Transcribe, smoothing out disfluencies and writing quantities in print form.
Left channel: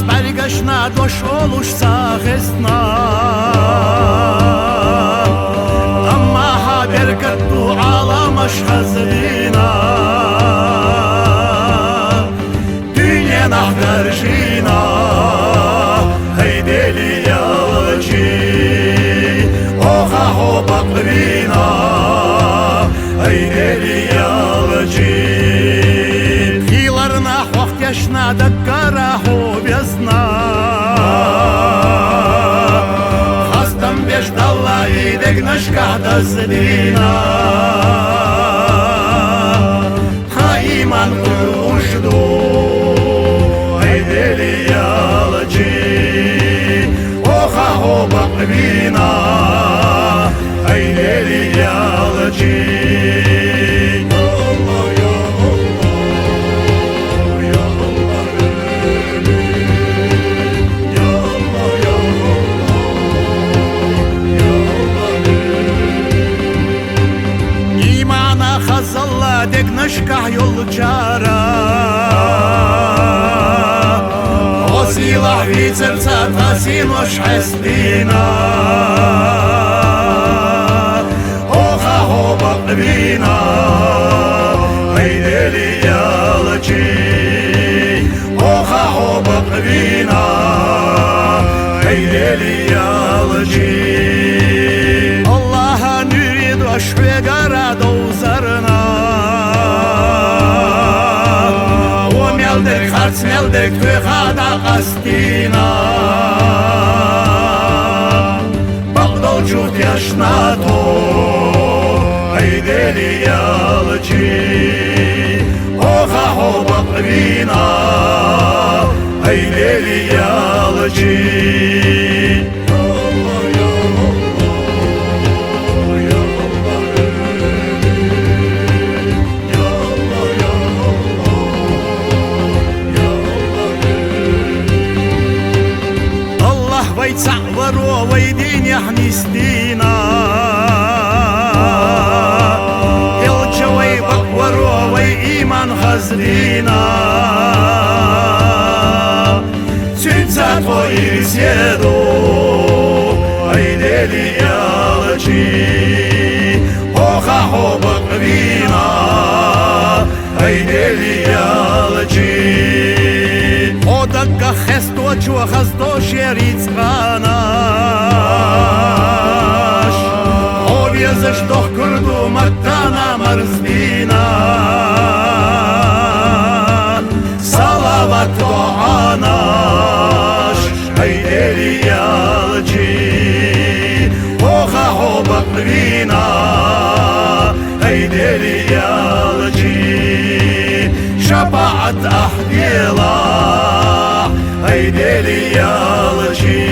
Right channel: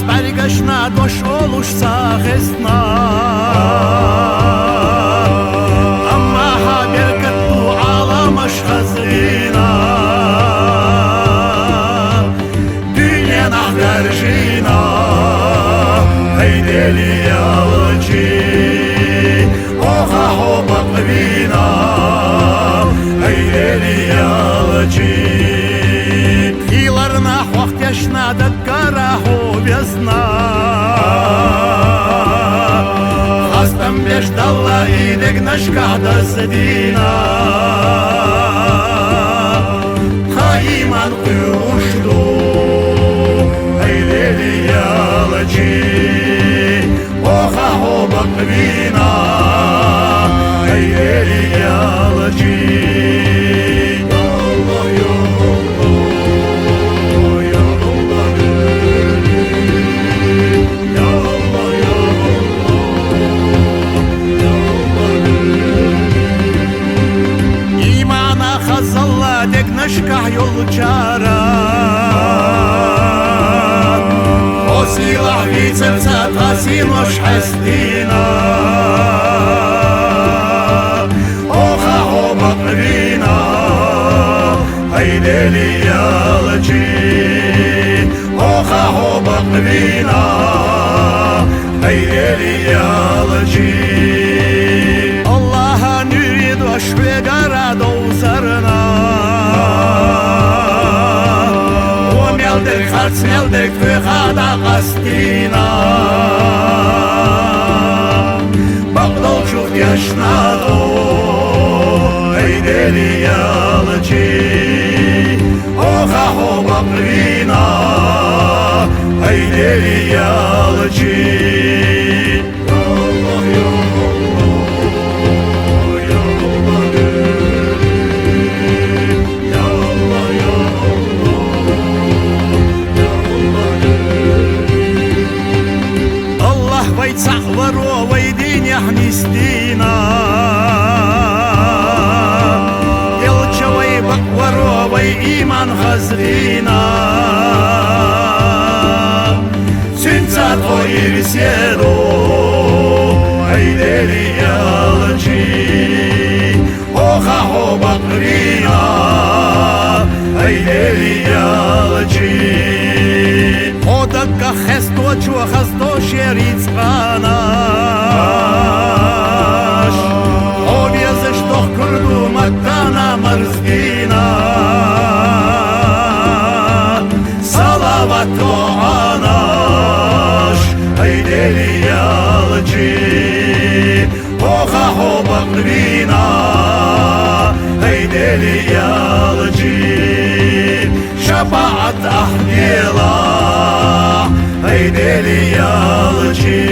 Sparigaşna doş oluşsa hesna Ama haber kattu alamış hazrina Dünya nahdar jina Hey deli yalıcı Oha ho bakrina Hey deli yalıcı Pilarna вахт яшна да карахо весна Хастам беждала и дегнашка да зедина Хаиман кушду Айдели ялачи Оха хо баквина Айдели ялачи Hazalla degnaşka yolcara O silah vicevca tasinoş hesdina Oha ho bakvina Haydeli yalıcı Oha ho bakvina Haydeli yalıcı Allah'a nürid ve gara dozarına O meldirk harç meldirk tüyhada kastina Bagdal çuht yaşna to Haydeli yalıcı Oha ho bakvina Haydeli yalıcı Вайца воровой денег не стена Елчевой бак воровой иман хазрина Сюнца твои беседу Айдели ялачи Оха хо баквина Айдели ялачи Odakka hesto çuva hasto şeric qanaş O viezyş doh kurdu mattana marzbina Salavat doğanaş Haydeli yalıcı Oha ho bakvina Haydeli yalıcı Şapaat ahdila Haydeli yalıcı